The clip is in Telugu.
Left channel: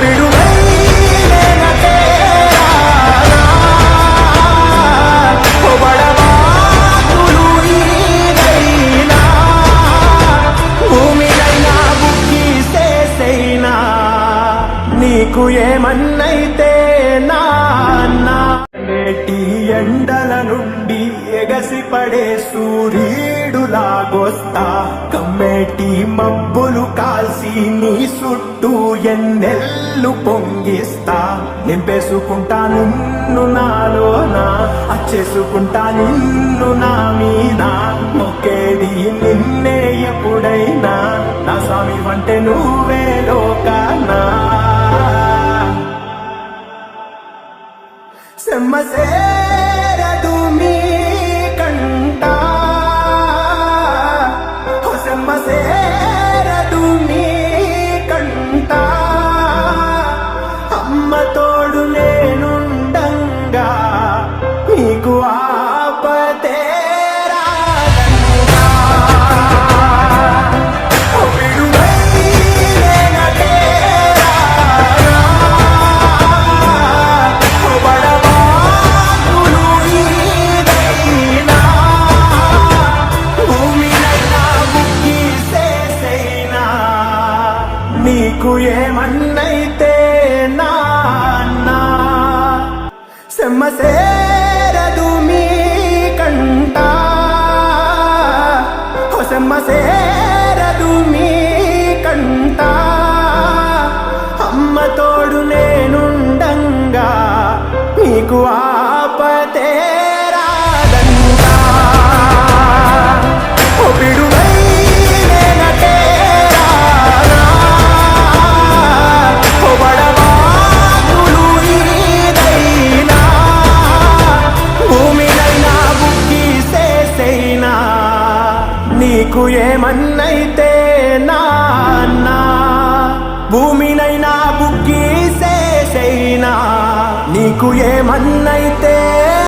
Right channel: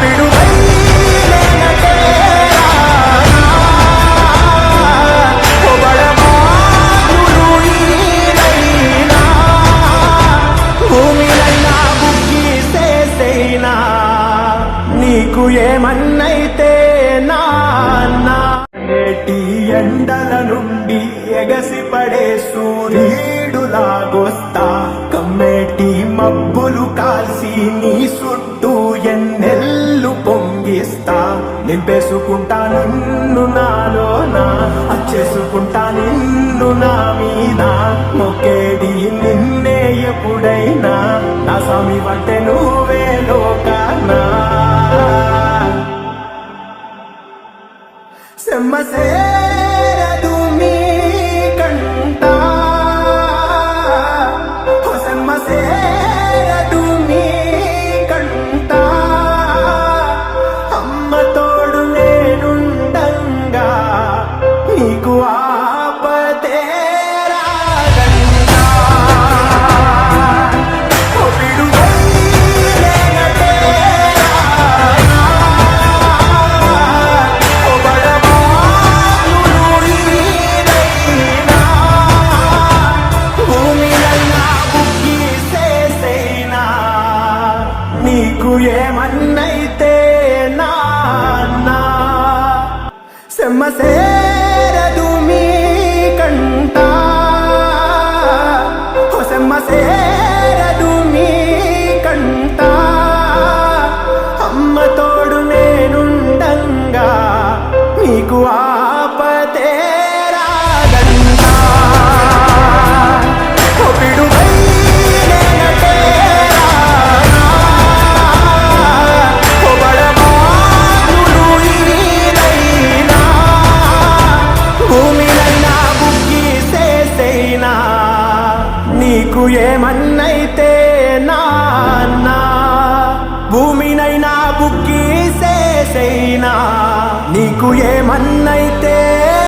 పిడుగై నేన తేరానా ఓ బడబాగ్నులు ఈదైనా భూమినైనా బుక్కి సేసైనా నీకు ఏమన్నైతే నాన్నా నేటి ఎండల నుండి ఎగసిపడే సూర్యుడు దాగొస్తా కమ్మేటి మబ్బులు కాల్సి నీ చుట్టూ ఎన్నెల్లు పొంగిస్తా నింపేసుకుంటా నిన్ను నాలోనా అచ్చేసుకుంటా నిన్ను నా మీద మొక్కేది నిన్నే ఎప్పుడైనా నా స్వామి అంటే నువ్వే లోకానా సెమ్మసేరదు మీ కంట సెమ్మసేరదు మీ కంట అమ్మ తోడు నేనుండంగా నీకు ఆపతే రాదంగా నీకు ఏమన్నైతే నాన్నా సెమ్మసేరదు మీ కంట సెమ్మసేరదు మీ కంట అమ్మ తోడు నేనుండంగా నీకు ఆపతే రాదంతా ఓ పిడుగై నేన తేరానా ఓ బడబాగ్నులు ఈదైనా భూమినైనా బుక్కి సేసైనా నీకు ఏమన్నైతే నాన్నా భూమినైనా బుక్కి సేసైనా నీకు ఏమన్నైతే